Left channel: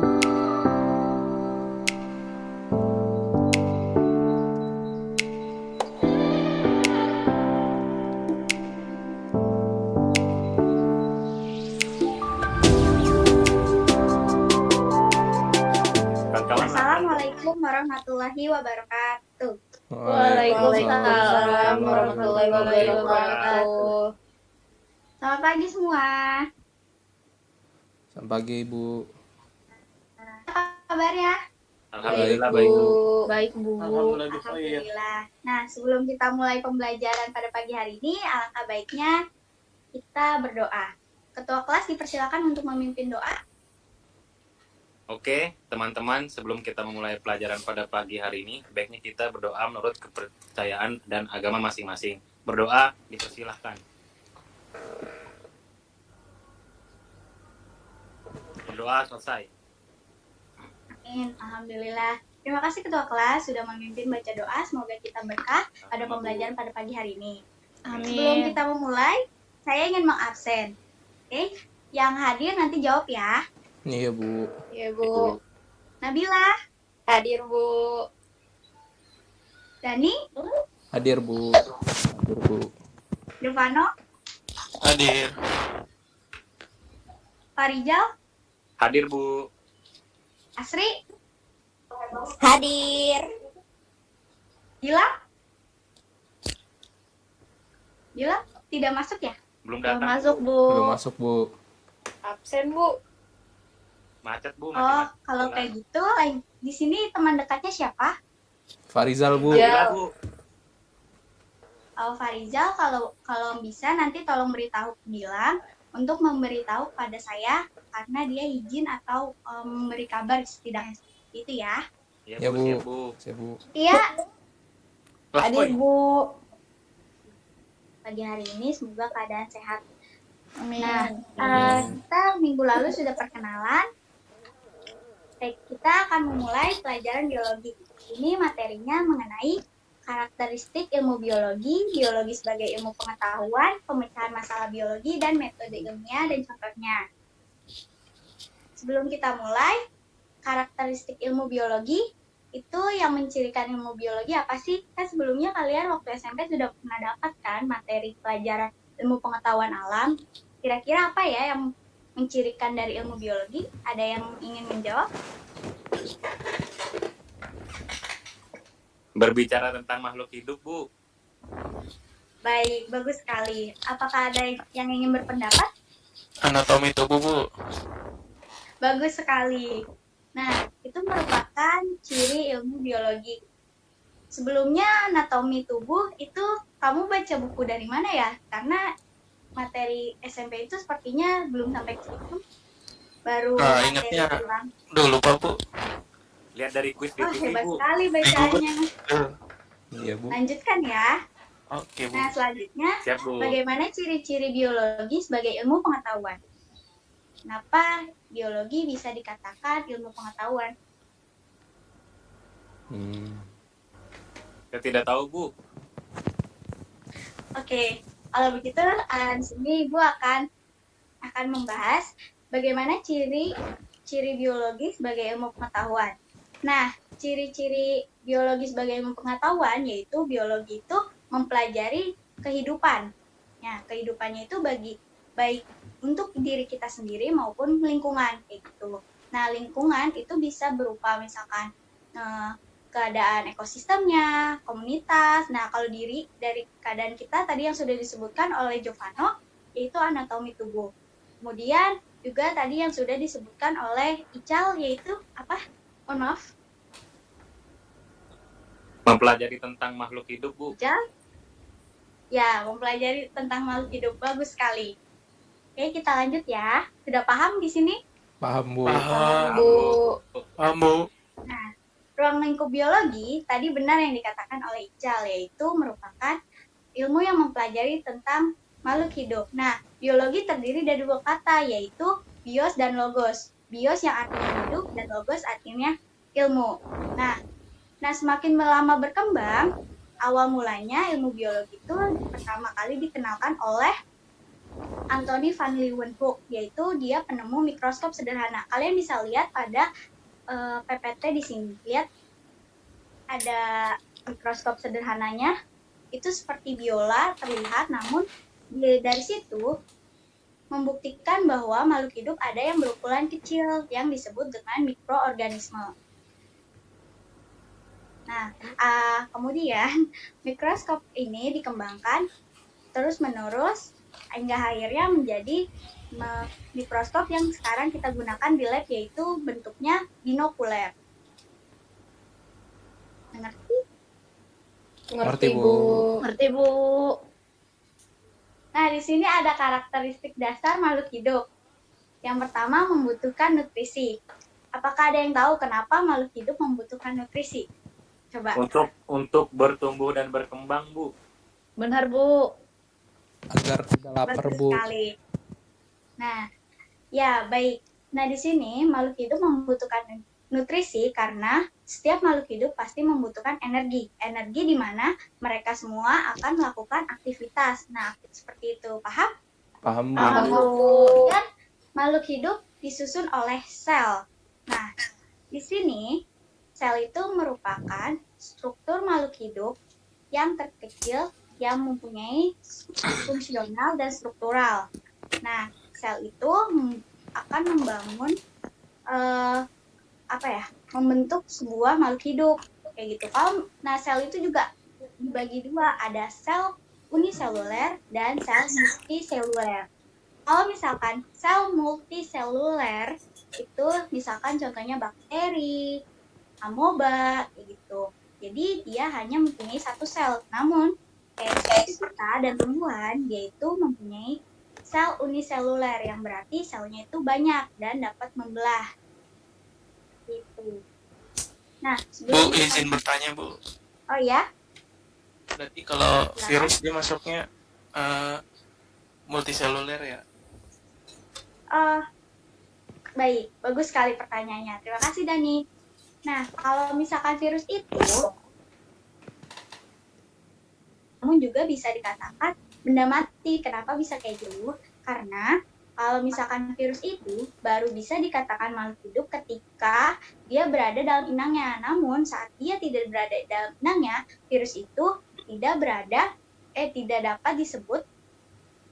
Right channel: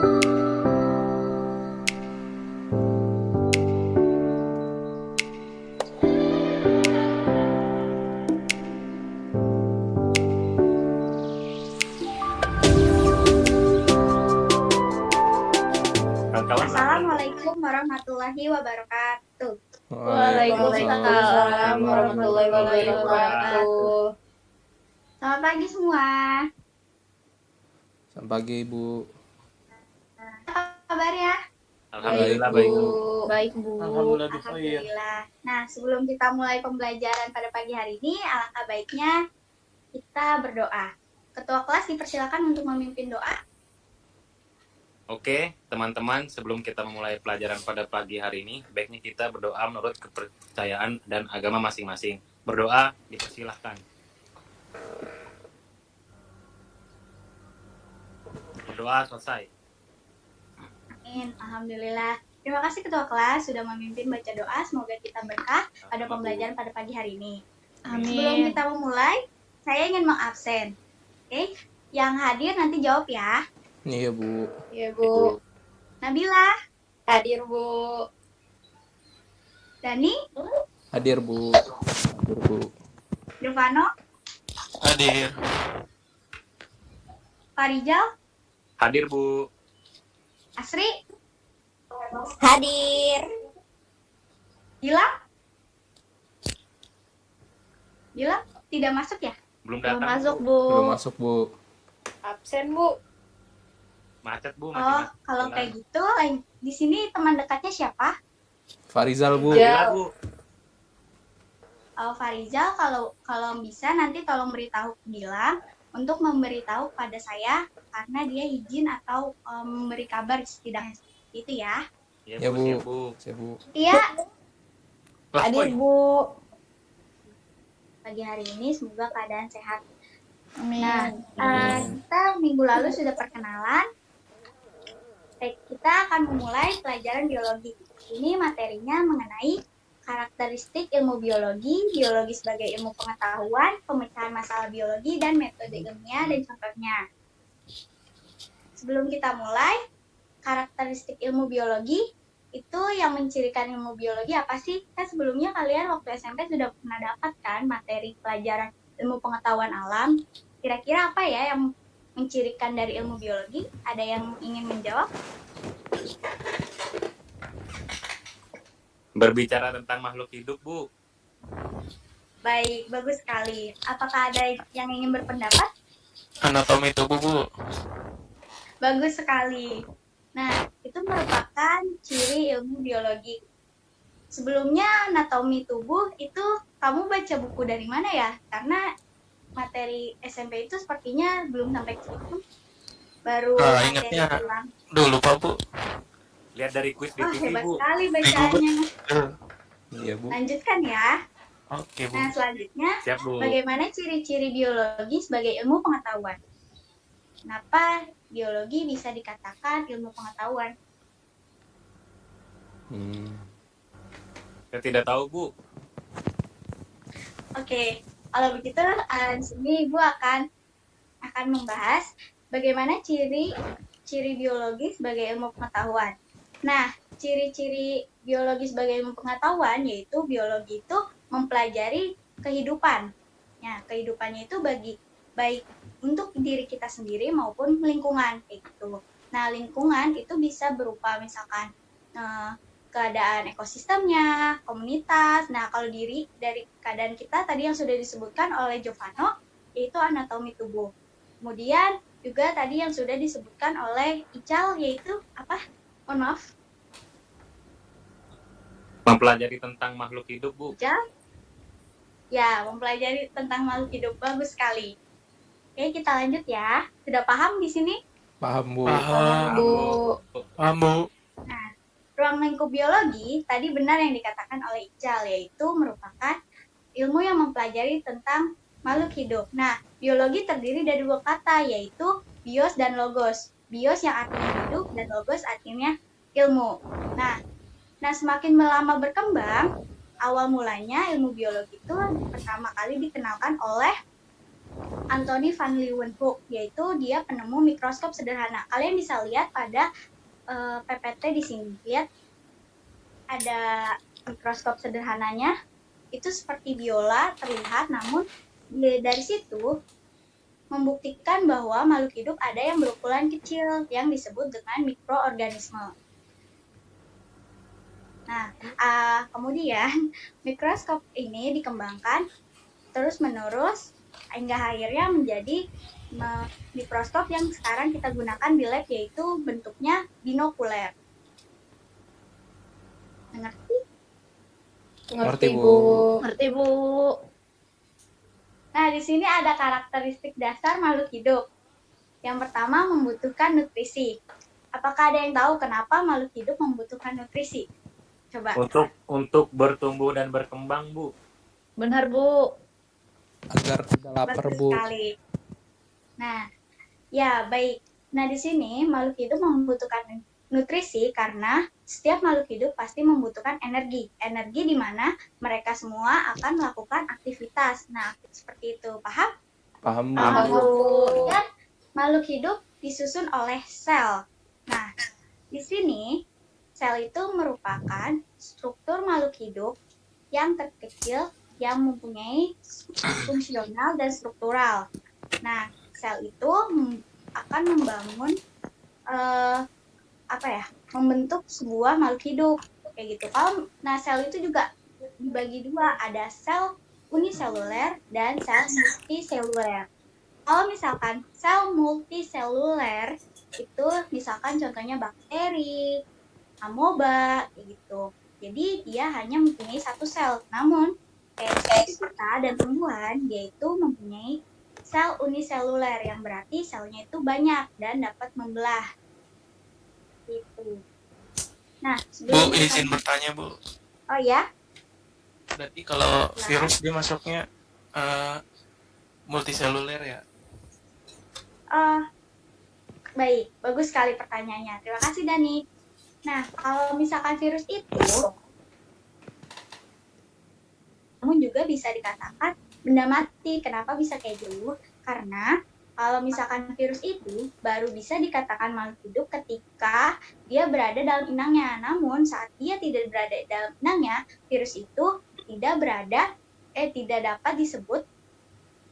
Assalamualaikum warahmatullahi wabarakatuh. Waalaikumsalam warahmatullahi wabarakatuh. Selamat pagi semua. Selamat pagi, Ibu. Apa kabarnya? Alhamdulillah, Baik, Bu. Baik, Bu. Alhamdulillah. Nah, sebelum kita mulai pembelajaran pada pagi hari ini, alangkah baiknya kita berdoa. Ketua kelas dipersilakan untuk memimpin doa. Oke, teman-teman, sebelum kita memulai pelajaran pada pagi hari ini, baiknya kita berdoa menurut kepercayaan dan agama masing-masing. Berdoa dipersilahkan. Berdoa selesai. Amin. Alhamdulillah. Terima kasih Ketua kelas sudah memimpin baca doa. Semoga kita berkah pada pembelajaran pada pagi hari ini. Sebelum kita memulai, saya ingin mengabsen. Oke, yang hadir nanti jawab ya. Iya, Bu. Iya, Bu. Nabila, Hadir, Bu. Dani, Hadir, Bu. Hadir, Bu. Irvano, Hadir. Farijal, Hadir, Bu. Asri, Hadir. Gilang. Gilang tidak masuk ya? Belum Belum datang, masuk, Bu. Bu. Belum masuk, Bu. Absen, Bu. Macet, Bu. Oh, Macet. kalau kayak gitu, di sini teman dekatnya siapa? Farizal, Bu. Ya. Bu. Oh, Farizal, kalau bisa nanti tolong beritahu ke Gilang untuk memberitahu pada saya karena dia izin atau memberi kabar setidaknya itu ya. Ya, Bu. Siap, Bu. Siap, Bu. Iya, Lah, Hadir, Boy. Bu. pagi hari ini semoga keadaan sehat. Amin. Nah, kita minggu lalu sudah perkenalan. Baik, kita akan memulai pelajaran biologi. Ini materinya mengenai karakteristik ilmu biologi, biologi sebagai ilmu pengetahuan, pemecahan masalah biologi, dan metode ilmiah dan contohnya. Sebelum kita mulai, karakteristik ilmu biologi itu yang mencirikan ilmu biologi apa sih? Kan sebelumnya kalian waktu SMP sudah pernah dapat kan materi pelajaran ilmu pengetahuan alam. Kira-kira apa ya yang mencirikan dari ilmu biologi? Ada yang ingin menjawab? Berbicara tentang makhluk hidup, Bu. Baik, bagus sekali. Apakah ada yang ingin berpendapat? Anatomi tubuh, Bu. Bagus sekali. Nah, itu merupakan ciri ilmu biologi. Sebelumnya anatomi tubuh itu kamu baca buku dari mana ya? Karena materi SMP itu sepertinya belum sampai ke situ. Baru materi ingatnya ulang. Duh, lupa, Bu. Lihat dari kuis di Wah, TV, hebat Bu. sekali Google. bacaannya. Iya, Bu. Lanjutkan ya. Oke, Bu. Nah, selanjutnya, Siap, Bu. bagaimana ciri-ciri biologi sebagai ilmu pengetahuan? Kenapa biologi bisa dikatakan ilmu pengetahuan? Saya tidak tahu, Bu. Oke, kalau begitu di sini Ibu akan membahas bagaimana ciri biologi sebagai ilmu pengetahuan. Nah, ciri-ciri biologi sebagai ilmu pengetahuan yaitu biologi itu mempelajari kehidupan. Ya, kehidupannya itu baik untuk diri kita sendiri maupun lingkungan kayak gitu. Nah, lingkungan itu bisa berupa misalkan keadaan ekosistemnya, komunitas. Nah, kalau dari keadaan kita tadi yang sudah disebutkan oleh Giovanno, yaitu anatomi tubuh. Kemudian juga tadi yang sudah disebutkan oleh Ical, yaitu apa? Mohon maaf, Mempelajari tentang makhluk hidup, Bu. Ical. Ya, mempelajari tentang makhluk hidup. Bagus sekali. Oke, kita lanjut ya. Sudah paham di sini? Paham, Bu. Paham, Bu. Paham, Bu. Nah, ruang lingkup biologi tadi benar yang dikatakan oleh Ical, yaitu merupakan ilmu yang mempelajari tentang makhluk hidup. Nah, biologi terdiri dari dua kata, yaitu bios dan logos. Bios yang artinya hidup dan logos artinya ilmu. Nah, semakin lama berkembang, awal mulanya ilmu biologi itu pertama kali dikenalkan oleh Anthony van Leeuwenhoek, yaitu dia penemu mikroskop sederhana. Kalian bisa lihat pada PPT di sini. Lihat ada mikroskop sederhananya, itu seperti biola terlihat, namun dari situ membuktikan bahwa makhluk hidup ada yang berukuran kecil yang disebut dengan mikroorganisme. Nah, kemudian mikroskop ini dikembangkan terus-menerus hingga akhirnya menjadi mikroskop yang sekarang kita gunakan di lab, yaitu bentuknya binokuler. Mengerti? Ngerti, Bu. Ngerti, Bu. Nah, di sini ada karakteristik dasar makhluk hidup. Yang pertama, membutuhkan nutrisi. Apakah ada yang tahu kenapa makhluk hidup membutuhkan nutrisi? Coba. Untuk bertumbuh dan berkembang, Bu. Benar, Bu. Agar tidak lapar, Bagus Bu. sekali. Nah, ya baik. Nah, di sini makhluk hidup membutuhkan nutrisi karena setiap makhluk hidup pasti membutuhkan energi. Energi di mana mereka semua akan melakukan aktivitas. Nah, seperti itu. Paham? Paham, Bu. Paham, Bu. Kemudian makhluk hidup disusun oleh sel. Nah, di sini sel itu merupakan struktur makhluk hidup yang terkecil yang mempunyai fungsional dan struktural. Nah, sel itu akan membangun membentuk sebuah makhluk hidup kayak gitu. Nah, sel itu juga dibagi dua, ada sel uniseluler dan sel multiseluler. Kalau misalkan sel multiseluler itu misalkan contohnya bakteri, amoeba kayak gitu. Jadi dia hanya mempunyai satu sel. Namun kita dan tumbuhan yaitu mempunyai sel uniseluler yang berarti selnya itu banyak dan dapat membelah. Gitu. Nah, Bu, izin bertanya, Bu. Oh ya? Berarti kalau virus dia masuknya multiseluler ya? Baik, bagus sekali pertanyaannya. Terima kasih, Dani. Nah, kalau misalkan virus itu, namun juga bisa dikatakan benda mati. Kenapa bisa kayak gitu? Karena kalau misalkan virus itu baru bisa dikatakan makhluk hidup ketika dia berada dalam inangnya. Namun saat dia tidak berada dalam inangnya, virus itu tidak dapat disebut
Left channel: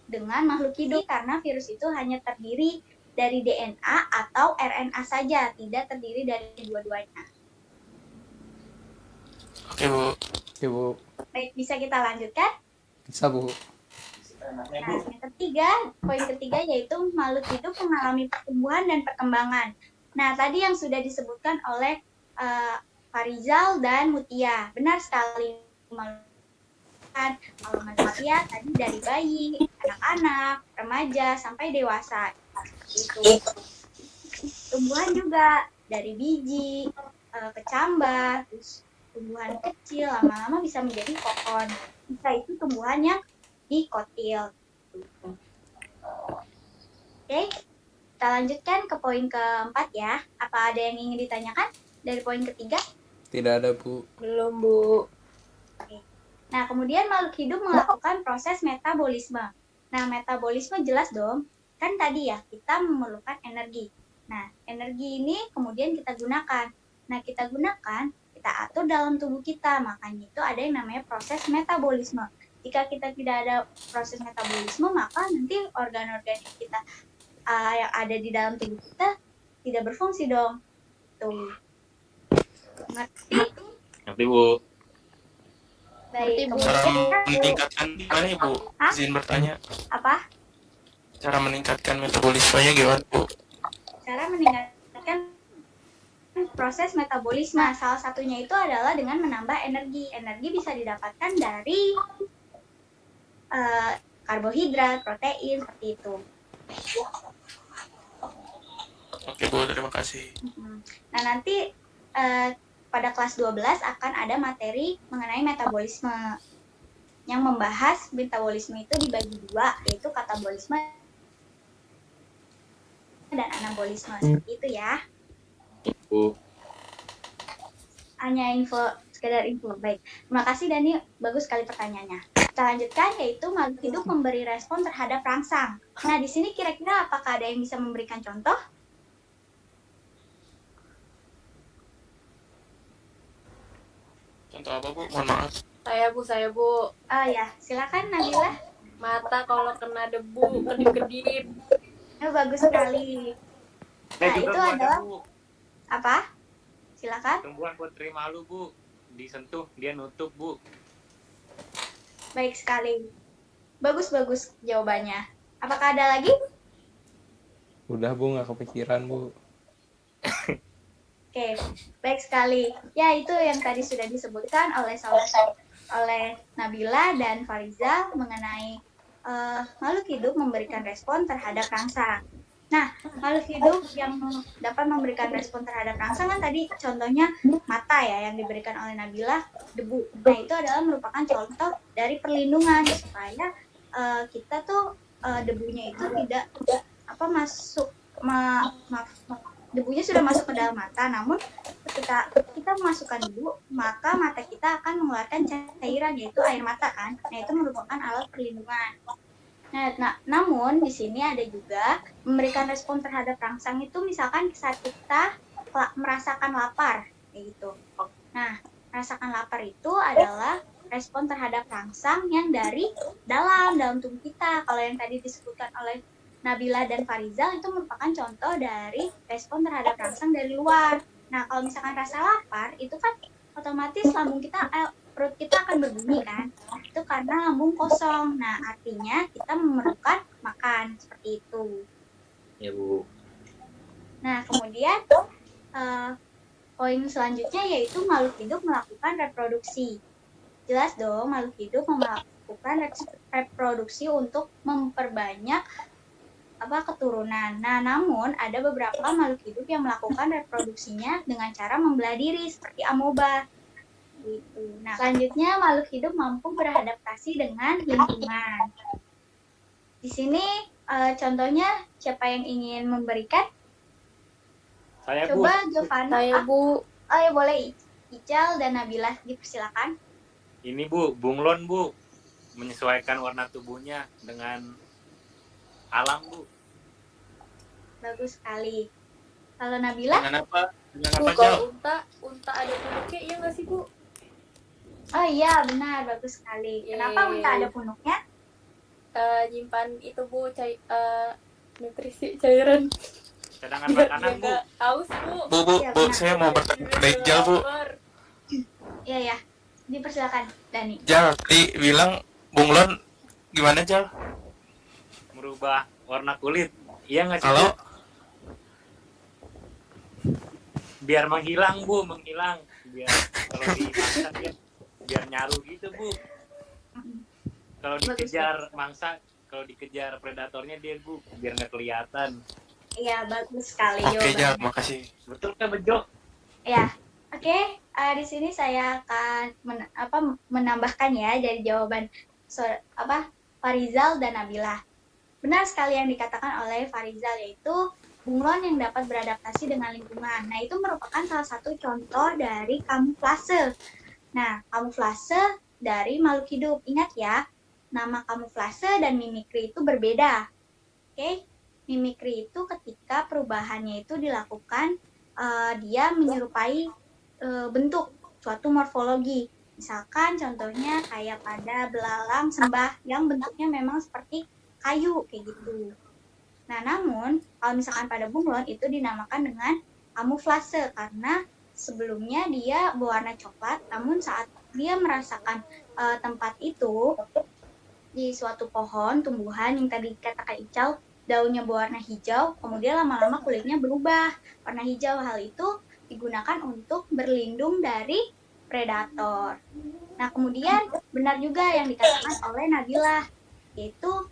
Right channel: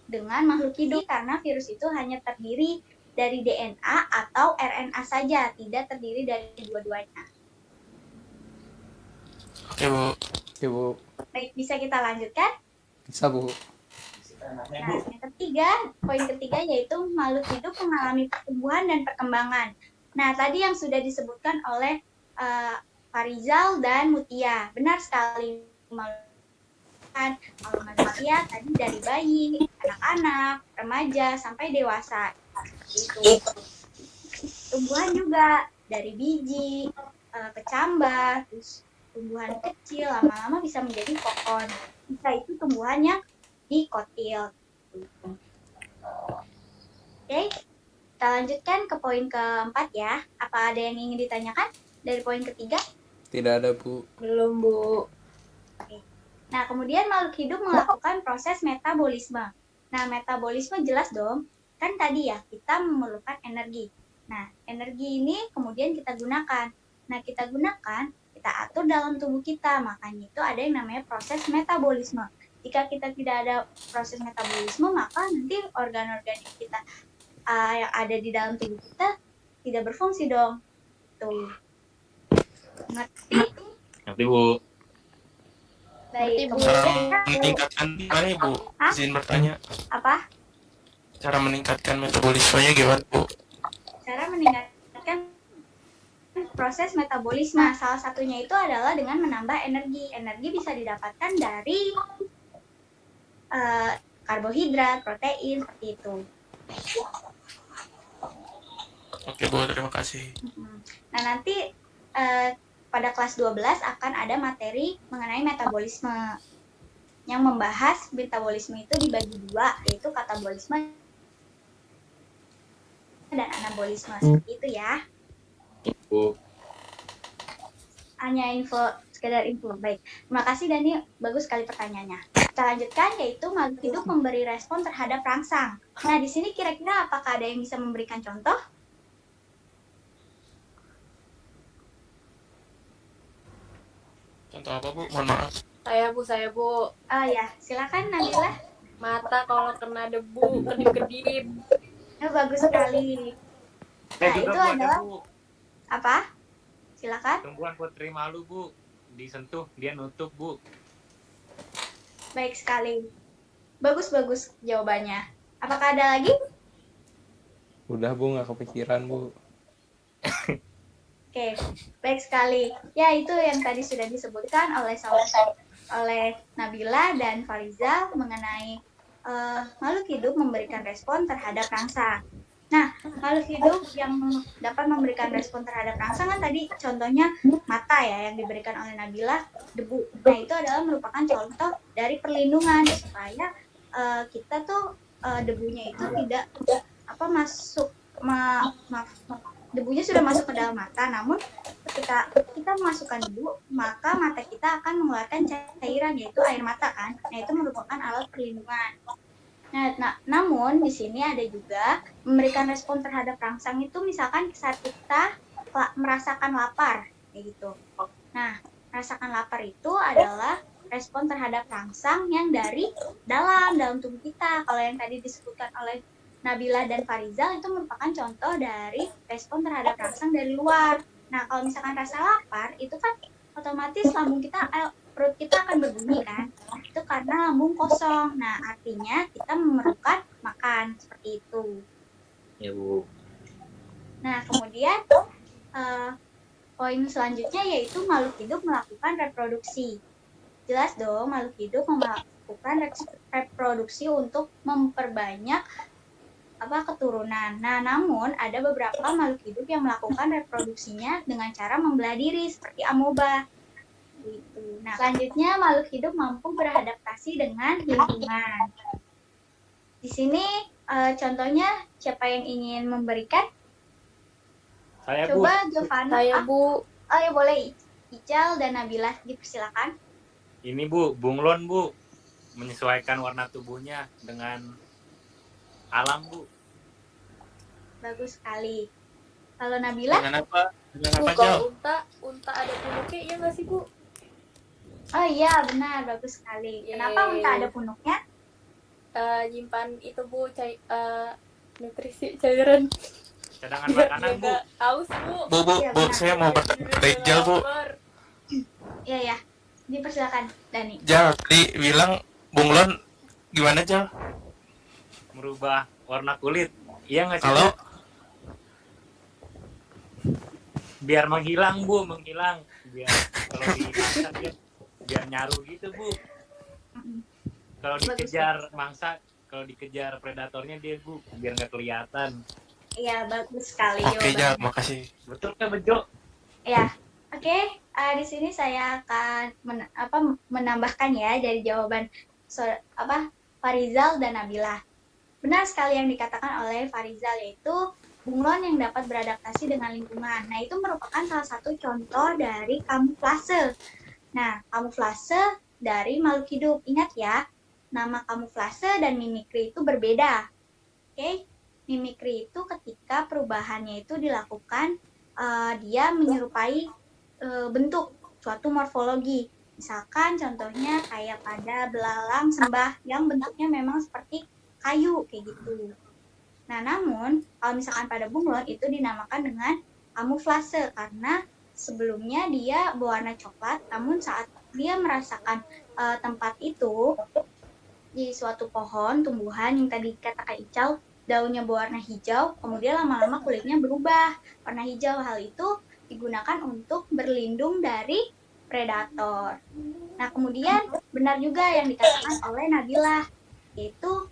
dengan makhluk hidup karena virus itu hanya terdiri dari DNA atau RNA saja, tidak terdiri dari dua-duanya. Oke, Bu. Oke, Bu. Baik, bisa kita lanjutkan? Bisa, Bu. Nah, poin ketiga yaitu makhluk hidup mengalami pertumbuhan dan perkembangan. Nah, tadi yang sudah disebutkan oleh Farizal dan Mutia, benar sekali. Kalau manusia tadi dari bayi, anak-anak, remaja sampai dewasa. Itu. Tumbuhan juga dari biji, kecambah, terus tumbuhan kecil lama-lama bisa menjadi pohon. Bisa itu tumbuhannya dikotil. Oke, kita lanjutkan ke poin keempat ya. Apa ada yang ingin ditanyakan dari poin ketiga? Tidak ada, Bu. Belum, Bu. Nah, kemudian makhluk hidup melakukan proses metabolisme. Nah, metabolisme jelas dong. Kan tadi ya, kita memerlukan energi. Nah, energi ini kemudian kita gunakan. Nah, kita atur dalam tubuh kita. Makanya itu ada yang namanya proses metabolisme. Jika kita tidak ada proses metabolisme, maka nanti organ-organ kita yang ada di dalam tubuh kita tidak berfungsi dong. Tuh. Ngerti? Ngerti, Bu. Baik, Ngerti, Bu. Cara meningkatkan gimana ya, Bu? Hah? Izin bertanya. apa? Cara meningkatkan metabolismenya gimana, Bu? Cara meningkatkan proses metabolisme. Salah satunya itu adalah dengan menambah energi. Energi bisa didapatkan dari karbohidrat, protein, seperti itu. Oke, Bu, terima kasih. Nah, nanti pada kelas 12 akan ada materi mengenai metabolisme yang membahas metabolisme itu dibagi dua, yaitu katabolisme dan anabolisme. Seperti itu ya. Bu. Hanya info sekedar info. Baik, terima kasih Dani, bagus sekali pertanyaannya. Kita lanjutkan, yaitu makhluk hidup memberi respon terhadap rangsang. Nah, di sini kira-kira apakah ada yang bisa memberikan contoh? Contoh apa, Bu? Mohon maaf. Saya Bu. Ah ya, silakan Nabila. Mata kalau kena debu, kedip-kedip. Oh, bagus sekali. Nah, juga itu Bu, ada, adalah Bu. apa? Silakan. Tumbuhan putri malu, Bu. Disentuh, dia nutup, Bu. Baik sekali. Bagus-bagus jawabannya. Apakah ada lagi? Udah Bu, nggak kepikiran Bu. Oke, baik sekali. Ya, itu yang tadi sudah disebutkan oleh Nabila dan Fariza mengenai makhluk hidup memberikan respon terhadap rangsang. Nah, makhluk hidup yang dapat memberikan respon terhadap rangsang kan tadi contohnya mata ya yang diberikan oleh Nabila, debu. Nah, itu adalah merupakan contoh dari perlindungan supaya kita tuh debunya itu tidak masuk debunya sudah masuk ke dalam mata, namun ketika kita memasukkan debu, maka mata kita akan mengeluarkan cairan yaitu air mata kan. Nah, itu merupakan alat perlindungan. Nah, namun di sini ada juga memberikan respon terhadap rangsang itu misalkan saat kita merasakan lapar kayak gitu. Nah, merasakan lapar itu adalah respon terhadap rangsang yang dari dalam tubuh kita. Kalau yang tadi disebutkan oleh Nabila dan Farizal itu merupakan contoh dari respon terhadap rangsang dari luar. Nah, kalau misalkan rasa lapar, itu kan otomatis perut kita akan berbunyi kan. Itu karena lambung kosong. Nah, artinya kita memerlukan makan seperti itu. Ya, Bu. Nah, kemudian poin selanjutnya yaitu makhluk hidup melakukan reproduksi. Jelas dong, makhluk hidup melakukan reproduksi untuk memperbanyak keturunan. Nah, namun ada beberapa makhluk hidup yang melakukan reproduksinya dengan cara membelah diri seperti amoeba. Gitu. Nah, selanjutnya makhluk hidup mampu beradaptasi dengan lingkungan. Di sini contohnya siapa yang ingin memberikan? Saya, Bu. Coba Giovanna. Saya Bu. Oh ya boleh. Ical dan Nabila dipersilakan. Ini, Bu, bunglon, Bu. Menyesuaikan warna tubuhnya dengan alam, Bu. Bagus sekali. Kalau Nabila? Dengan apa? Dengan Bu, apa, Jal? kalau unta ada punuknya, iya nggak sih Bu? Oh iya, benar. Bagus sekali. Yeay. Kenapa unta ada punuknya? Nyimpan itu Bu, nutrisi cairan. Cadangan makanan, Bu. Nggak haus Bu. Bu, Iya, Bu, benar. saya mau berbaik Jal, Bu. Iya ya. Dipersilakan, Dani. Jal, tadi bilang bunglon gimana, Jal? Merubah warna kulit. Iya nggak sih, Halo? Bu? Biar menghilang, Bu. Menghilang. Biar kalau dimasak ya, biar nyaru gitu, Bu. Kalau dikejar mangsa, kalau dikejar predatornya dia, Bu. Biar nggak kelihatan. Iya, bagus sekali Oke, Jal, jawabannya. makasih. Betul kan, Bejo? Ya, oke. Di sini saya akan menambahkan ya dari jawaban Farizal dan Nabila. Benar sekali yang dikatakan oleh Farizal, yaitu bunglon yang dapat beradaptasi dengan lingkungan. Nah, itu merupakan salah satu contoh dari kamuflase. Nah, kamuflase dari makhluk hidup. Ingat ya, nama kamuflase dan mimikri itu berbeda. Oke? Mimikri itu ketika perubahannya itu dilakukan dia menyerupai bentuk suatu morfologi. Misalkan contohnya kayak pada belalang sembah yang bentuknya memang seperti kayu kayak gitu. Nah, namun kalau misalkan pada bunglon itu dinamakan dengan kamuflase karena sebelumnya dia berwarna coklat, namun saat dia merasakan tempat itu di suatu pohon tumbuhan yang tadi katakan Ical, daunnya berwarna hijau, kemudian lama-lama kulitnya berubah warna hijau. Hal itu digunakan untuk berlindung dari predator. Nah, kemudian benar juga yang dikatakan oleh Nabila, yaitu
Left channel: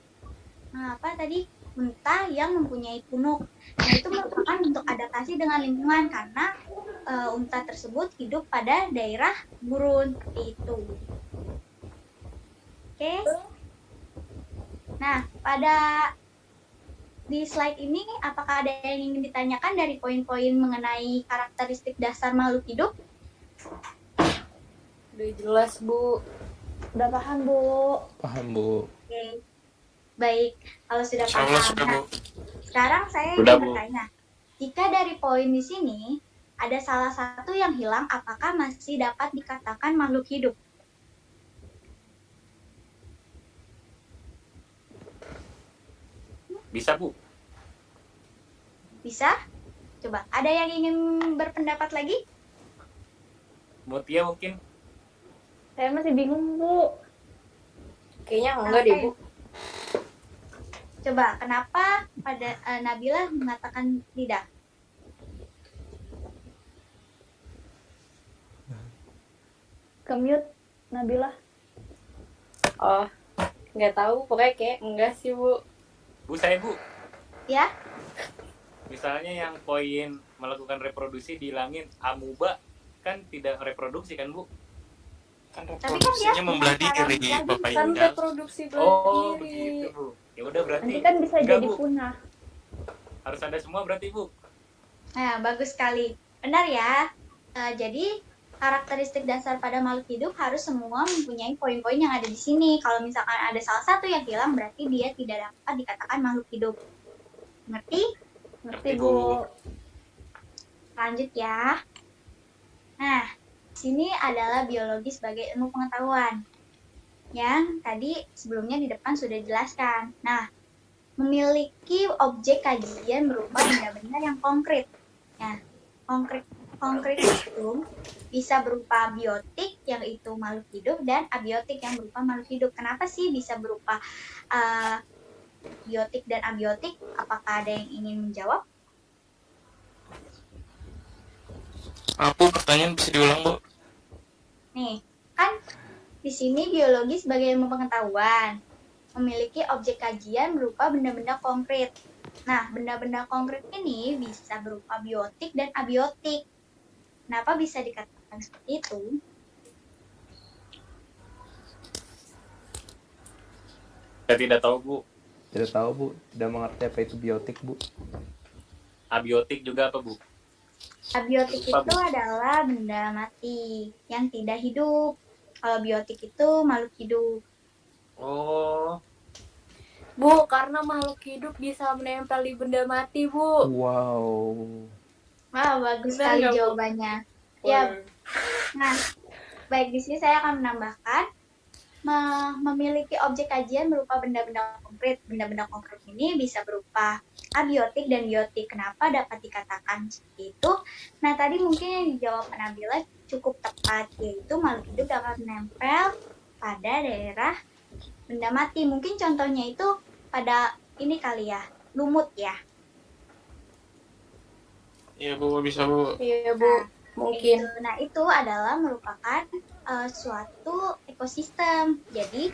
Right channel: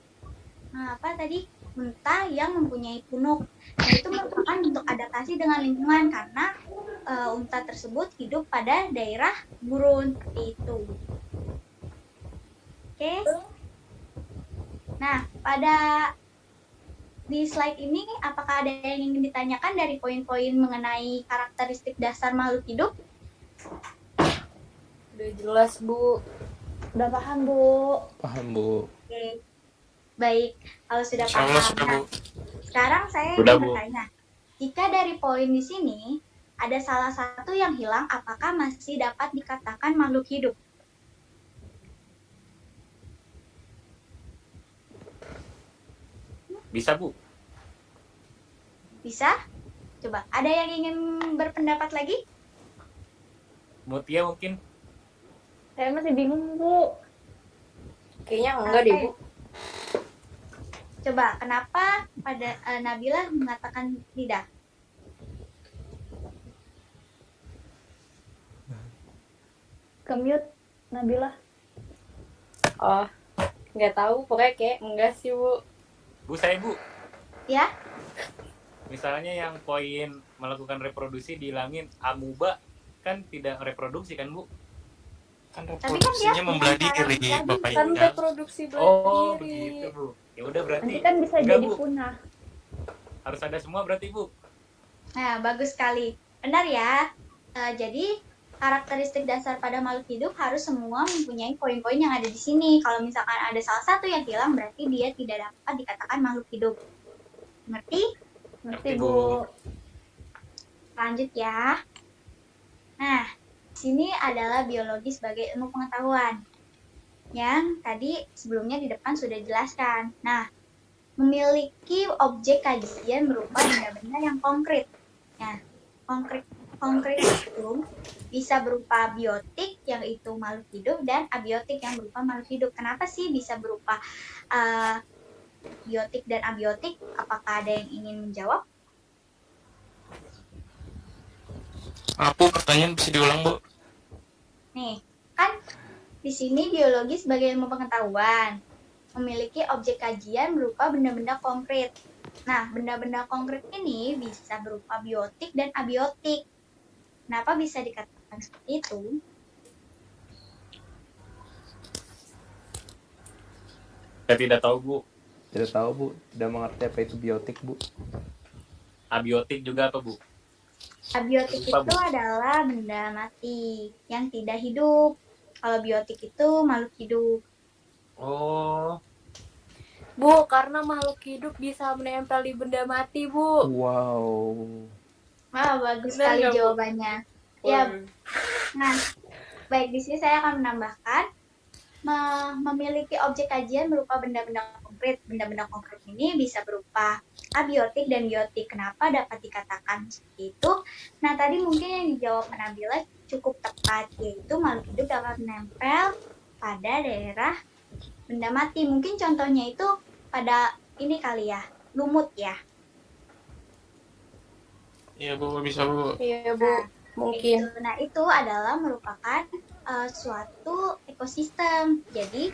unta yang mempunyai punuk. Nah, itu merupakan bentuk adaptasi dengan lingkungan karena unta tersebut hidup pada daerah gurun seperti itu. Oke. Nah, di slide ini apakah ada yang ingin ditanyakan dari poin-poin mengenai karakteristik dasar makhluk hidup? Udah jelas, Bu. Udah paham, Bu? Paham, Bu. Oke. Baik, kalau sudah Insya Allah paham. sudah, Nah, Bu. sekarang saya Sudah, ingin Bu. bertanya, jika dari poin di sini ada salah satu yang hilang, apakah masih dapat dikatakan makhluk hidup? Bisa, Bu. Bisa? Coba, ada yang ingin berpendapat lagi? Mutia mungkin. Saya masih bingung, Bu. Kayaknya enggak deh, Bu. Coba, kenapa pada Nabila mengatakan tidak? Ke-mute, Nabila. Oh, nggak tahu. Pokoknya kayak enggak sih, Bu. Bu, saya, Bu. Ya? Misalnya yang poin melakukan reproduksi dihilangin, amuba kan tidak reproduksi kan, Bu? Kan Tapi kan dia reproduksinya membelah punya diri, cara Bapak Kan Indah. reproduksi Oh, berdiri. begitu, Bu. Ya udah berarti Nanti kan bisa enggak, jadi Bu. punah. Harus ada semua berarti, Bu. Nah, bagus sekali. Benar ya? Jadi, karakteristik dasar pada makhluk hidup harus semua mempunyai poin-poin yang ada di sini. Kalau misalkan ada salah satu yang hilang, berarti dia tidak dapat dikatakan makhluk hidup. Ngerti? Ngerti, Ngerti, Bu. Bu. Lanjut ya. Nah, sini adalah biologi sebagai ilmu pengetahuan. Yang tadi sebelumnya di depan sudah dijelaskan. Nah, memiliki objek kajian berupa benda-benda yang konkret. Nah, konkret itu bisa berupa biotik yang itu makhluk hidup dan abiotik yang berupa makhluk hidup. Kenapa sih bisa berupa biotik dan abiotik? Apakah ada yang ingin menjawab? Bu, pertanyaan bisa diulang, Bu? Nih, kan di sini biologi sebagai ilmu pengetahuan memiliki objek kajian berupa benda-benda konkret. Nah, benda-benda konkret ini bisa berupa biotik dan abiotik. Kenapa bisa dikatakan seperti itu? Saya tidak tahu, Bu. Tidak tahu, Bu. Tidak mengerti apa itu biotik, Bu. Abiotik juga apa, Bu? Abiotik Lupa, itu Bu. adalah benda mati yang tidak hidup. Kalau biotik itu makhluk hidup. Oh, Bu, karena makhluk hidup bisa menempel di benda mati, Bu. Wow. Wah, bagus Benar sekali nggak, Bu? jawabannya. Ya, nah, baik di sini saya akan menambahkan memiliki objek kajian berupa benda-benda konkret. Benda-benda konkret ini bisa berupa abiotik dan biotik. Kenapa dapat dikatakan seperti itu? Nah, tadi mungkin yang dijawab Nabila cukup tepat, yaitu makhluk hidup dapat menempel pada daerah benda mati. Mungkin contohnya itu pada ini kali ya, lumut ya. Iya, Bu, bisa, Bu. Iya, Bu. Mungkin. Gitu. Nah, itu adalah merupakan suatu ekosistem. Jadi,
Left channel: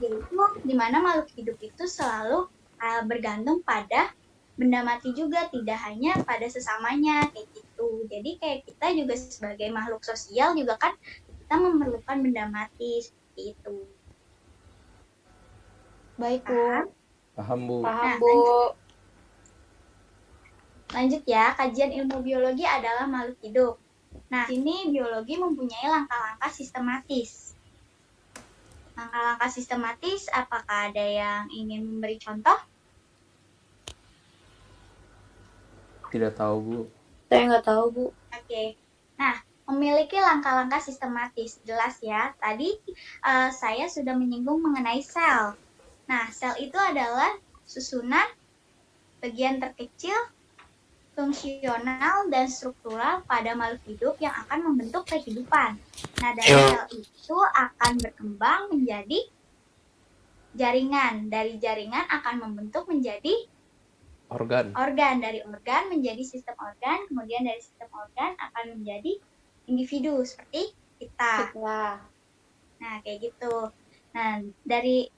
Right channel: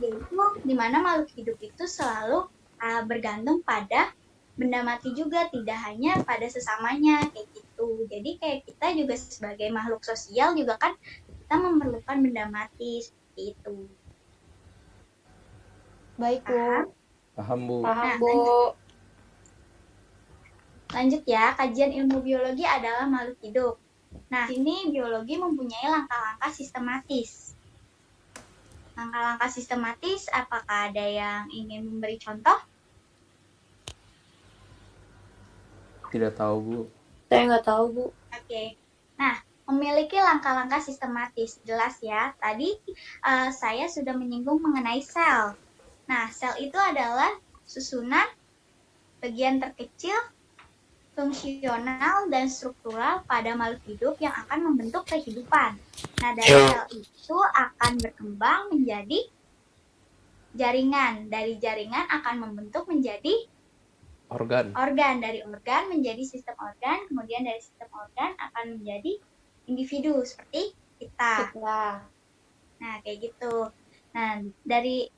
yaitu di mana makhluk hidup itu selalu bergantung pada benda mati juga, tidak hanya pada sesamanya kayak gitu. Jadi kayak kita juga sebagai makhluk sosial juga kan kita memerlukan benda mati seperti itu. Baik, Bu. Paham? Paham, Bu. Paham, Nah, Bu. Lanjut ya, kajian ilmu biologi adalah makhluk hidup. Nah, sini biologi mempunyai langkah-langkah sistematis. Langkah-langkah sistematis, apakah ada yang ingin memberi contoh? Tidak tahu, Bu. Saya nggak tahu, Bu. Oke. Nah, memiliki langkah-langkah sistematis. Jelas ya. Tadi saya sudah menyinggung mengenai sel. Nah, sel itu adalah susunan bagian terkecil, fungsional, dan struktural pada makhluk hidup yang akan membentuk kehidupan. Nah, dari sel itu akan berkembang menjadi jaringan. Dari jaringan akan membentuk menjadi Organ. organ, dari organ menjadi sistem organ, kemudian dari sistem organ akan menjadi individu seperti kita. Nah, Nah, kayak gitu. Nah, dari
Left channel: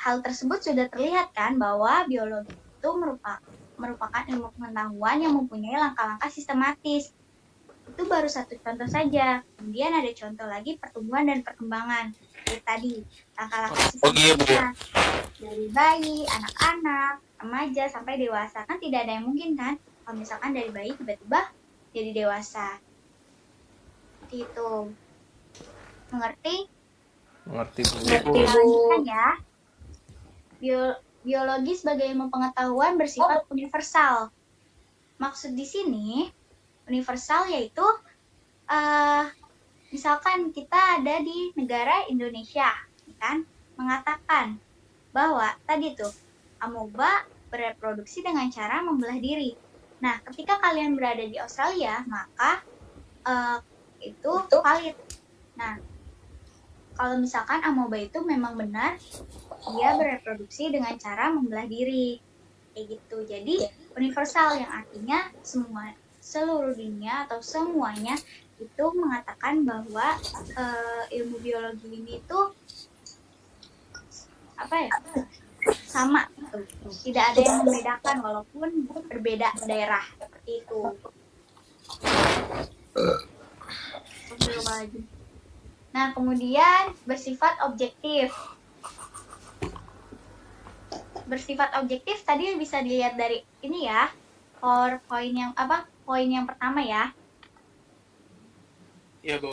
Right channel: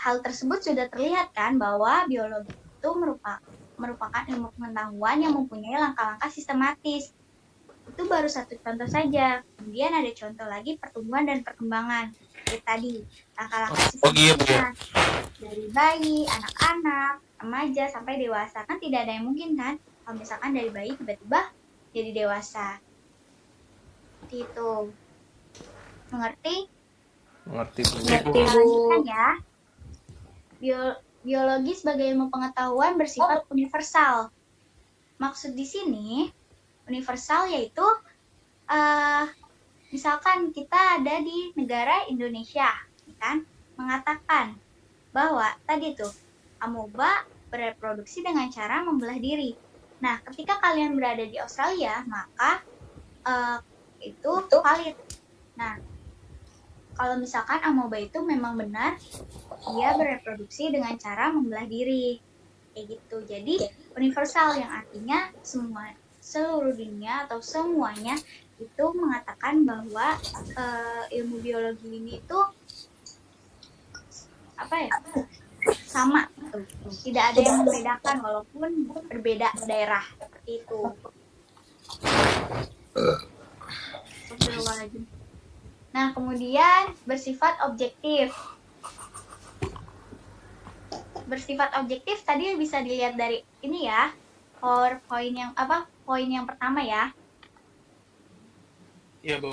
hal tersebut sudah terlihat kan bahwa biologi itu merupakan ilmu pengetahuan yang mempunyai langkah-langkah sistematis. Itu baru satu contoh saja. Kemudian ada contoh lagi pertumbuhan dan perkembangan. Seperti tadi, langkah-langkah Oh, iya, Bu. sistematisnya dari bayi, anak-anak, remaja sampai dewasa. Kan tidak ada yang mungkin kan kalau misalkan dari bayi tiba-tiba jadi dewasa. Seperti itu. Mengerti? Mengerti, Bu. Ibu. Kita lanjutkan ya. Biologi sebagai ilmu pengetahuan bersifat universal. Maksud di sini universal yaitu misalkan kita ada di negara Indonesia, kan? Mengatakan bahwa tadi tuh amoeba bereproduksi dengan cara membelah diri. Nah, ketika kalian berada di Australia, maka itu valid. Nah, kalau misalkan amoeba itu memang benar, dia bereproduksi dengan cara membelah diri. Kayak gitu. Jadi, universal yang artinya seluruh dunia atau semuanya itu mengatakan bahwa ilmu biologi ini itu sama gitu. Tidak ada yang membedakan walaupun berbeda daerah seperti itu. Nah, kemudian bersifat objektif. Bersifat objektif tadi bisa dilihat dari ini ya. Poin yang pertama ya. Iya, Bu.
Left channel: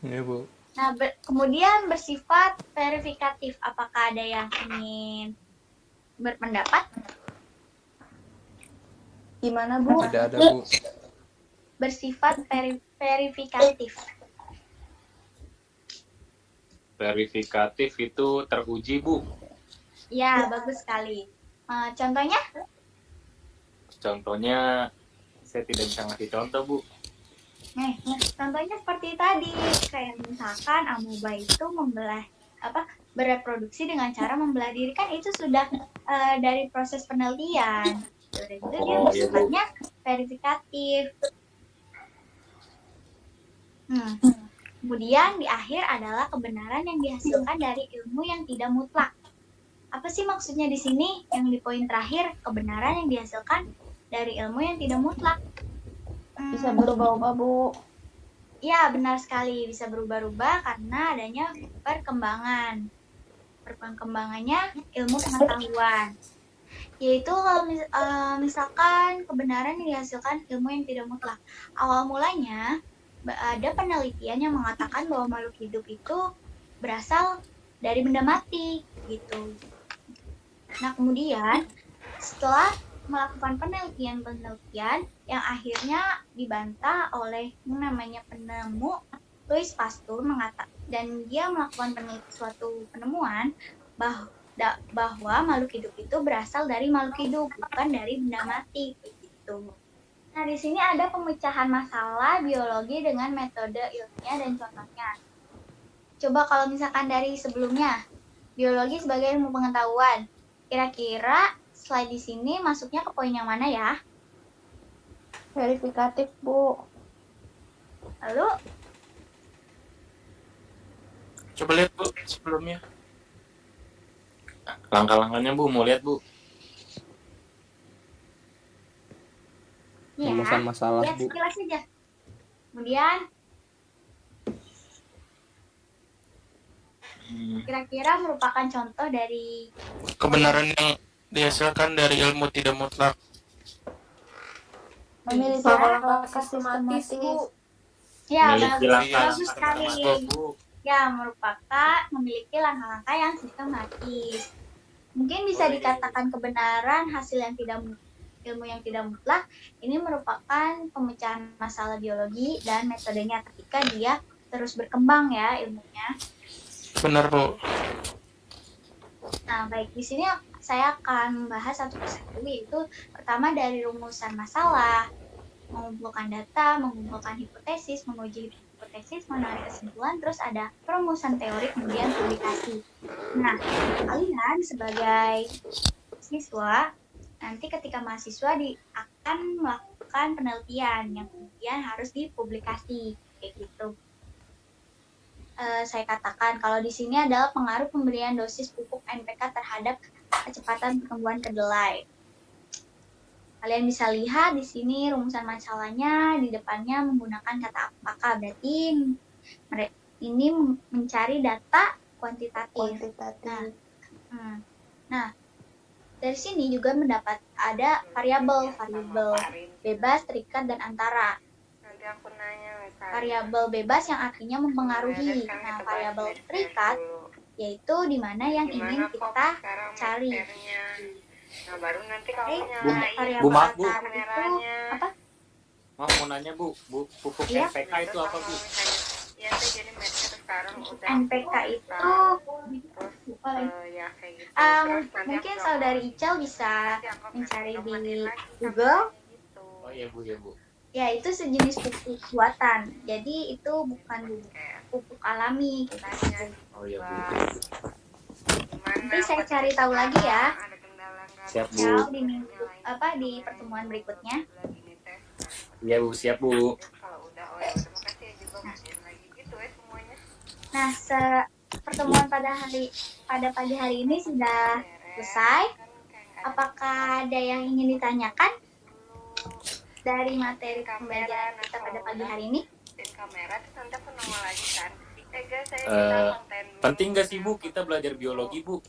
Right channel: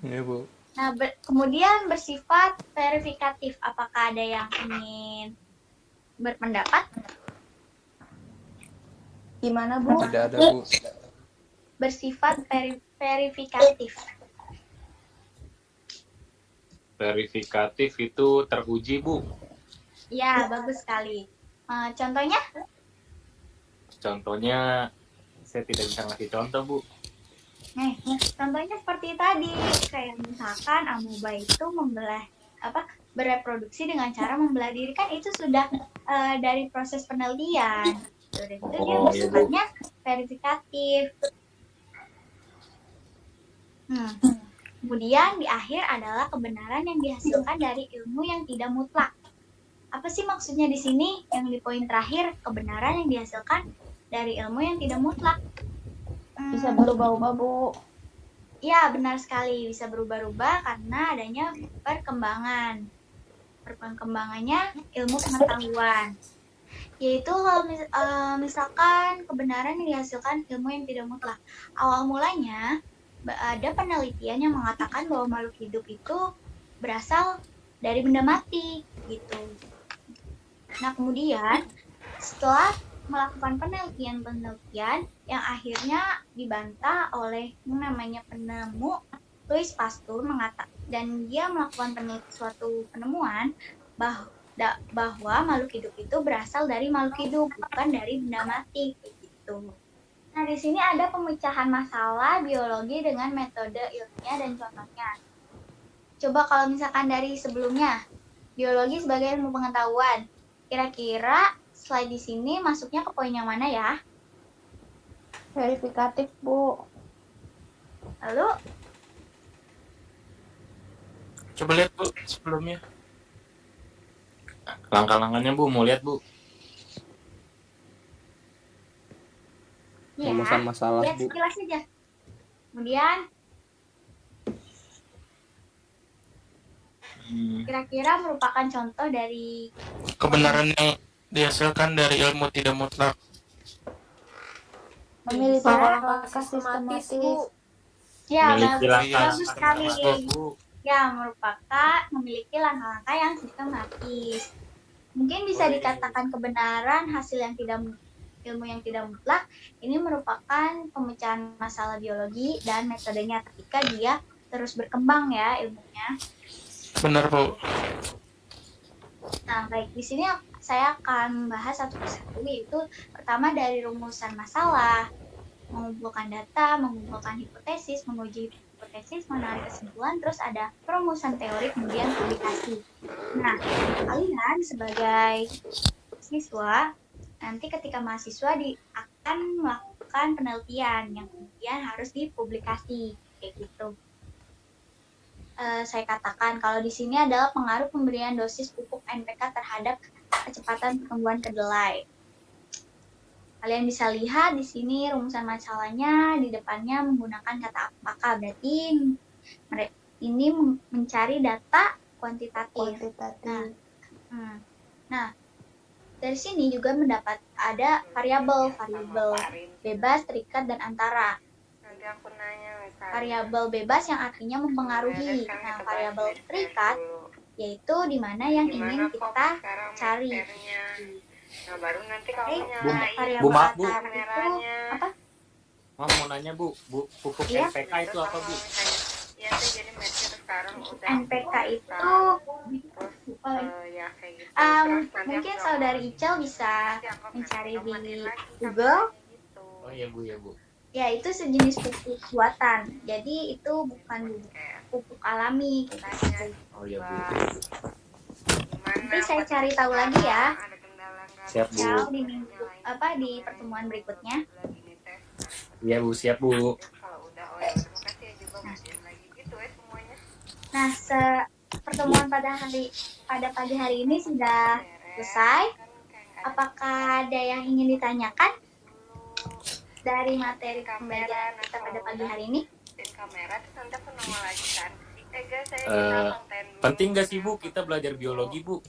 Iya, Bu. Nah, kemudian bersifat verifikatif. Apakah ada yang ingin berpendapat? Gimana, Bu? Tidak ada, Bu. Bersifat verifikatif. Verifikatif itu teruji, Bu. Ya, bagus sekali. Contohnya? Contohnya, saya tidak bisa ngasih contoh, Bu. Contohnya seperti tadi, kayak misalkan amoeba itu bereproduksi dengan cara membelah diri, kan itu sudah dari proses penelitian. Sudah itu dia bersifatnya verifikatif. Kemudian di akhir adalah kebenaran yang dihasilkan dari ilmu yang tidak mutlak. Apa sih maksudnya di sini? Yang di poin terakhir, kebenaran yang dihasilkan dari ilmu yang tidak mutlak. Bisa berubah-ubah, Bu. Ya, benar sekali. Bisa berubah-ubah karena adanya perkembangan. Perkembangannya ilmu pengetahuan. Yaitu kalau misalkan kebenaran yang dihasilkan ilmu yang tidak mutlak. Awal mulanya, ada penelitian yang mengatakan bahwa makhluk hidup itu berasal dari benda mati, gitu. Nah, kemudian setelah melakukan penelitian yang akhirnya dibantah oleh namanya penemu Louis Pasteur dan dia melakukan suatu penemuan bahwa makhluk hidup itu berasal dari makhluk hidup, bukan dari benda mati, gitu. Nah, di sini ada pemecahan masalah biologi dengan metode ilmiah dan contohnya. Coba kalau misalkan dari sebelumnya, biologi sebagai ilmu pengetahuan, kira-kira slide di sini masuknya ke poin yang mana ya? Verifikatif, Bu. Lalu, Coba lihat, Bu, sebelumnya. Langkah-langkahnya, Bu, mau lihat, Bu. ya, Rumusan masalah, lihat Bu. sekilas saja. Kemudian, kira-kira merupakan contoh dari Kebenaran yang dihasilkan dari ilmu tidak mutlak. Memiliki Langkah langkah sistematis, sistematis. Bu. ya, Memiliki bagus, langkah bagus sekali. sistematis, Bu. Ya, merupakan memiliki langkah-langkah yang sistematis. Mungkin bisa dikatakan kebenaran hasil ilmu yang tidak mutlak ini merupakan pemecahan masalah biologi dan metodenya ketika dia terus berkembang ya ilmunya. Benar, Bu. Nah, baik, di sini saya akan membahas satu persatu, yaitu pertama dari rumusan masalah, mengumpulkan data, mengumpulkan hipotesis, menguji hipotesis, menarik kesimpulan, terus ada perumusan teori, kemudian publikasi. Nah, kalian sebagai siswa, nanti ketika mahasiswa akan melakukan penelitian yang kemudian harus dipublikasi, kayak gitu. Saya katakan kalau di sini adalah pengaruh pemberian dosis pupuk NPK terhadap kecepatan pertumbuhan kedelai. Kalian bisa lihat di sini rumusan masalahnya di depannya menggunakan kata apakah, berarti ini mencari data kuantitatif. Nah, dari sini juga ada variabel bebas, terikat, dan antara. nanti aku nanya misalnya. Variabel bebas yang artinya mempengaruhi. Beres kan, Nah, kita bahas variabel medis terikat dulu. yaitu di mana yang Gimana ingin kok kita sekarang cari. medisernya? Nah baru nanti kamu Oke, nyalain variabel Bu, maaf, Bu. antar itu kameranya. apa? Mau nanya Bu, pupuk Iya. NPK itu apa Bu? Iya teh, jadi mediser sekarang udah NPK itu terus ya kayak gitu. Um, Terus nanti mungkin aku saudari Icel bisa nanti aku mencari otomatis di lagi Google. kameranya gitu. Oh iya Bu, ya Bu. Ya, itu sejenis pupuk buatan. Jadi itu bukan Kayak pupuk alami kita. Oh iya Bu. gimana? Nanti saya cari tahu lagi ya. Ada kendala nggak? Siap Bu. Icel di minggu di pertemuan berikutnya. Lagi nih tes. Iya Bu, siap Bu. Kalau udah, oh ya udah, makasih ya juga ngajarin lagi gitu ya semuanya. Nah, pertemuan pada pagi hari ini sudah selesai. Apakah ada yang ingin ditanyakan dari materi pembelajaran kita pada pagi hari ini? Dan kamera terus nanti aku nongol lagi kan. Guys, saya Eh, bisa konten dulu. Penting nggak sih Bu kita belajar biologi Bu?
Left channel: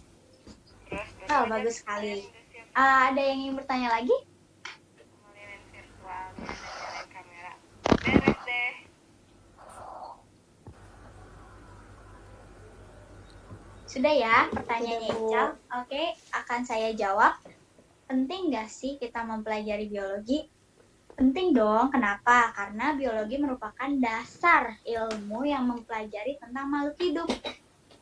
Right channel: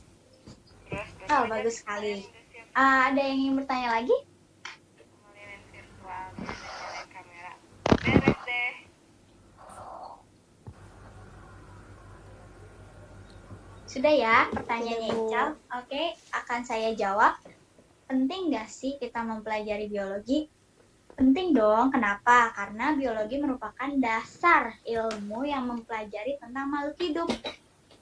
Terus Oh, bagus sekali. Ada yang ingin bertanya lagi? ngeliatin virtualnya dan nyalain kamera. Beres deh. Sudah ya pertanyaannya Ical? Oke, akan saya jawab. Penting nggak sih kita mempelajari biologi? Penting dong. Kenapa? Karena biologi merupakan dasar ilmu yang mempelajari tentang makhluk hidup.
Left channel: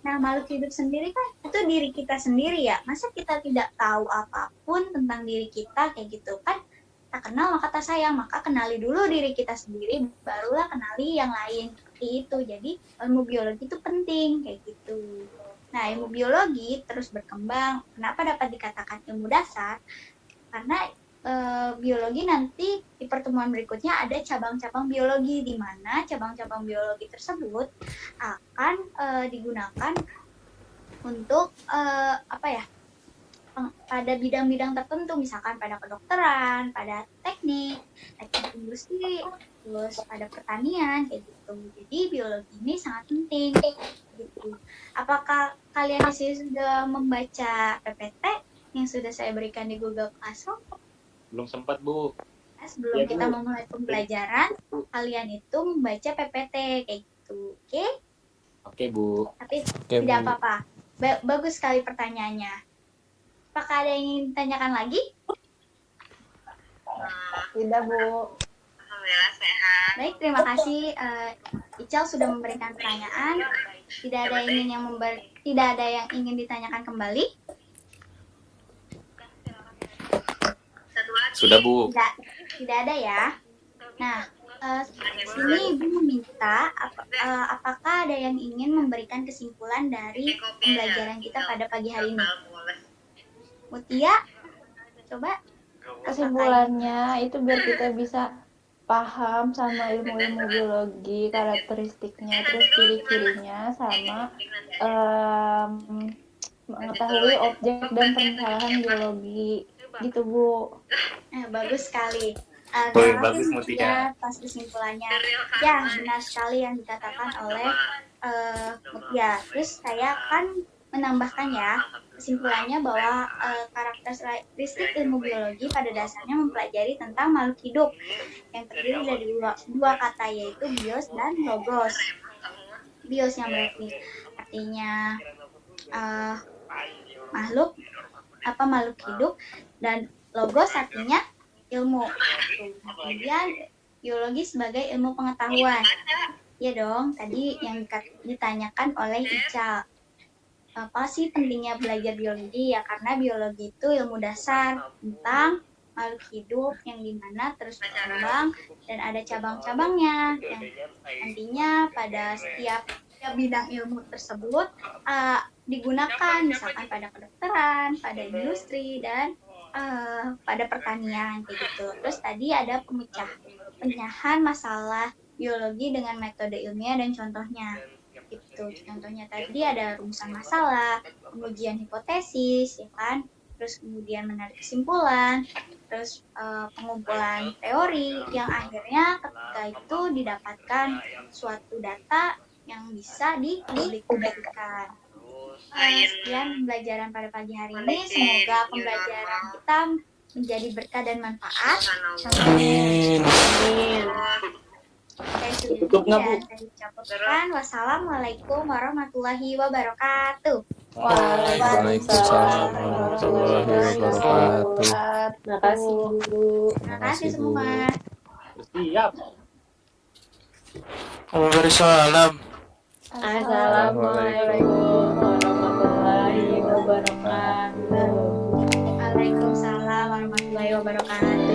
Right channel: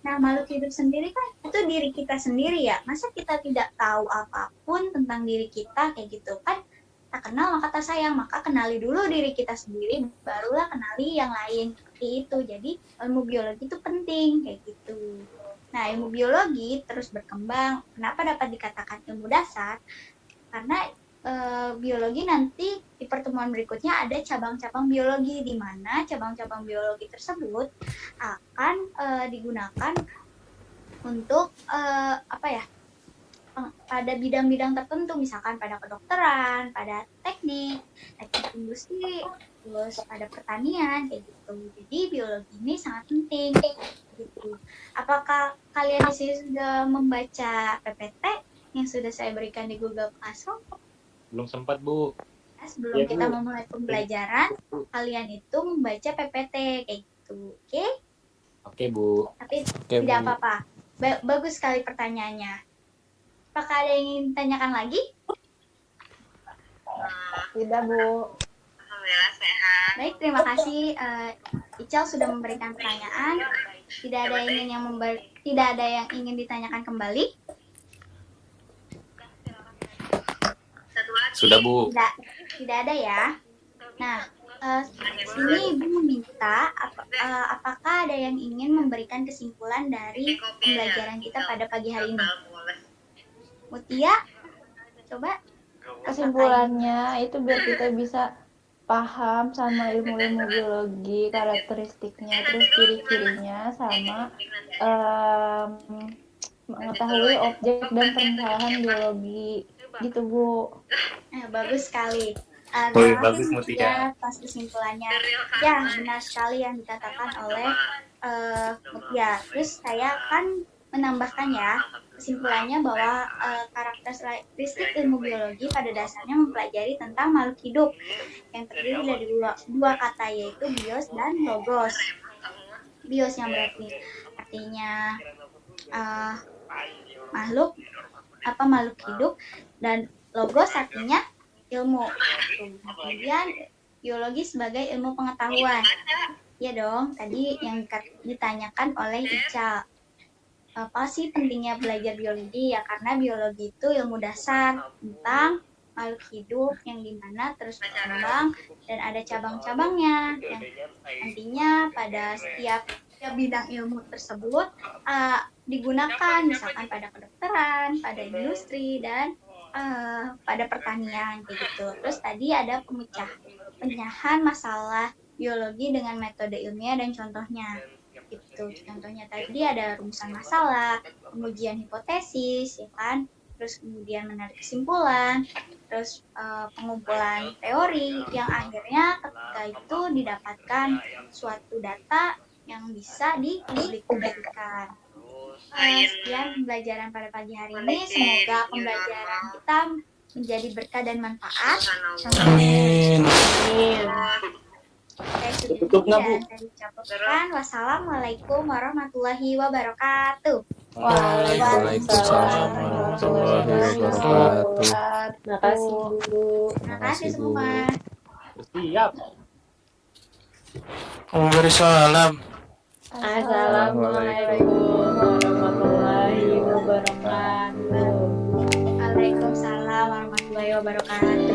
Nah, makhluk hidup sendiri kan itu diri kita sendiri ya. Masa kita tidak tahu apapun tentang diri kita kayak gitu kan? Tak kenal maka tak sayang. Maka kenali dulu diri kita sendiri, barulah kenali yang lain. Seperti itu. Jadi ilmu biologi itu penting kayak gitu. Nah, ilmu biologi terus berkembang. Kenapa dapat dikatakan ilmu dasar? Karena biologi nanti di pertemuan berikutnya ada cabang-cabang biologi, di mana cabang-cabang biologi tersebut akan digunakan untuk pada bidang-bidang tertentu, misalkan pada kedokteran, pada teknik industri, terus pada pertanian kayak gitu. Jadi biologi ini sangat penting gitu. Apakah kalian di sini sudah membaca PPT yang sudah saya berikan di Google Classroom? Belum sempat Bu. Sebelum Ya, kita Bu. memulai pembelajaran, kalian itu membaca PPT kayak gitu, oke? Oke Bu. Tapi Oke, tidak Bu. apa-apa. Bagus sekali pertanyaannya. Apakah ada yang ingin ditanyakan lagi? Tidak, Bu. Alhamdulillah sehat. Baik, terima kasih. Ical sudah memberikan pertanyaan. Tidak ada yang ingin ditanyakan kembali. Sudah Bu. Tidak ada ya. Nah, sini Ibu meminta apakah ada yang ingin memberikan kesimpulan dari pembelajaran kita pada pagi hari ini. Mutia, coba. Kesimpulannya itu biar kita bisa paham sama ilmu-ilmu biologi, karakteristiknya, terus ciri-cirinya, sama mengetahui objek dan permasalahan biologi. Gitu, Bu. Bagus sekali. Wih, Terima bagus, kasih Mutia. Mutia atas kesimpulannya. Ya, benar sekali yang dikatakan oleh Mutia. Terus saya akan menambahkan ya kesimpulannya bahwa karakteristik ilmu biologi pada dasarnya mempelajari tentang makhluk hidup yang terdiri dari dua kata, yaitu bios dan logos. Bios yang berarti artinya makhluk hidup, dan logos artinya ilmu. Kemudian biologi sebagai ilmu pengetahuan. Ya dong, tadi yang ditanyakan oleh Ica. Apa sih pentingnya belajar biologi? Ya karena biologi itu ilmu dasar tentang makhluk hidup yang dimana terus berkembang dan ada cabang-cabangnya. Yang nantinya pada setiap bidang ilmu tersebut digunakan, misalkan pada kedokteran, pada industri, dan pada pertanian kayak gitu. Terus tadi ada pemecahan masalah biologi dengan metode ilmiah dan contohnya. Gitu. Contohnya tadi ada rumusan masalah, pengujian hipotesis, ya kan? Terus kemudian menarik kesimpulan, terus pengumpulan teori yang akhirnya ketika itu didapatkan suatu data yang bisa dipublikasikan. Sekian pembelajaran pada pagi hari ini. Semoga pembelajaran kita menjadi berkah dan manfaat. Amin. Tutup diri nggak, Bu? dan saya ucapkan wassalamualaikum warahmatullahi wabarakatuh. Waalaikumsalam warahmatullahi wabarakatuh. Makasih guru. Terima kasih Makasih, Bu. semua. Siap. Waalaikumsalam. Assalamualaikum warahmatullahi wabarakatuh. Waalaikumsalam warahmatullahi wabarakatuh.